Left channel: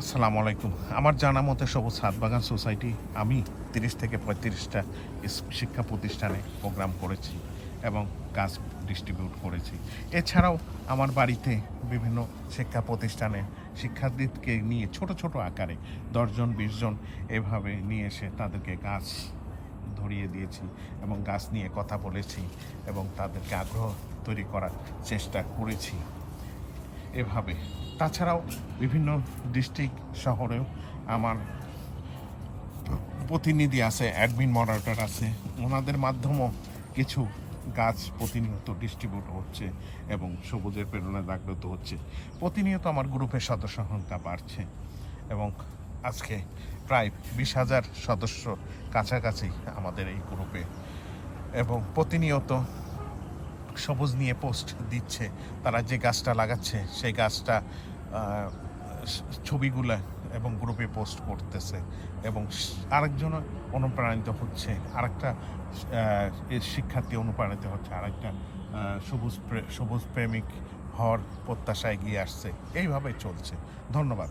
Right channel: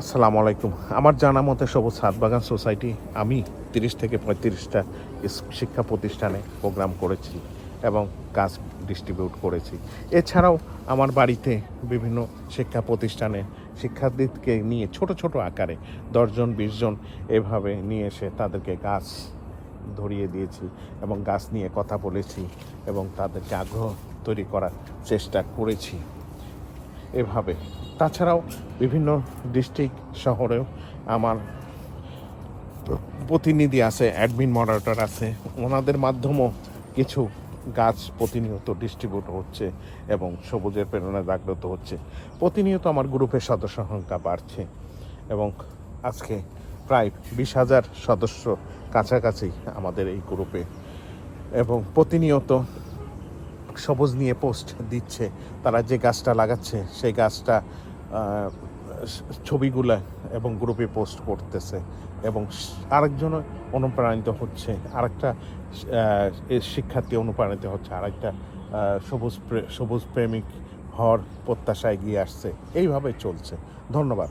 আসসালামু আলাইকুম। আমার জানা মতে সবুজ ছাদ বাগান সোসাইটি আমি ৩০ থেকে ৩৫টা শিক্ষা প্রতিষ্ঠানে প্রোগ্রাম করেছি এবং কাজ ডিস্ট্রিবিউট করেছি। এছাড়াও আমার বাড়িতে বিভিন্ন শিক্ষা প্রতিষ্ঠানে শিক্ষার্থীকে নিয়ে ছোট ছোট আকারে ১০ জন ২০ জন এভাবে নিয়ে এসে তাদেরকে গাছ ধরিয়ে দিয়েছি এবং গাছ নিয়ে কথা বলেছি এবং তাদেরকে আগ্রহ তৈরি করার চেষ্টা করেছি এভাবে। তাছাড়াও বিভিন্ন ডিস্ট্রিক্ট শহরেও আমার প্রতিনিধি আছে, অ্যাডমিন মডারেটর আছে, ওনাদের মাধ্যমেও কিছু গাছ প্রতিনিয়ত ডিস্ট্রিবিউট হচ্ছে এবং সবুজের প্রেরণা জাগ্রত হচ্ছে। প্রতিনিয়ত আমার গ্রুপের সদস্য সংখ্যা বাড়ছে এবং আজকে প্রায় ২০,০০০ সদস্য কাছাকাছি আমাদের এই গ্রুপে এবং প্রতিনিয়ত সবুজ নিয়ে পোস্ট দিচ্ছে। তারা যে গাছটা লাগাচ্ছে সেই গাছটা ছবিগুলা এবং গ্রুপে পোস্ট করতেছে এবং আরেকজন অনুপ্রাণিত হচ্ছে, আরেকটা শিক্ষার্থী অনুপ্রাণিত হচ্ছে, আরেকটা সবুজ প্রেমিক হওয়ার প্রত্যাশায় এগিয়ে আসছে। এইভাবে চলছে। ধন্যবাদ।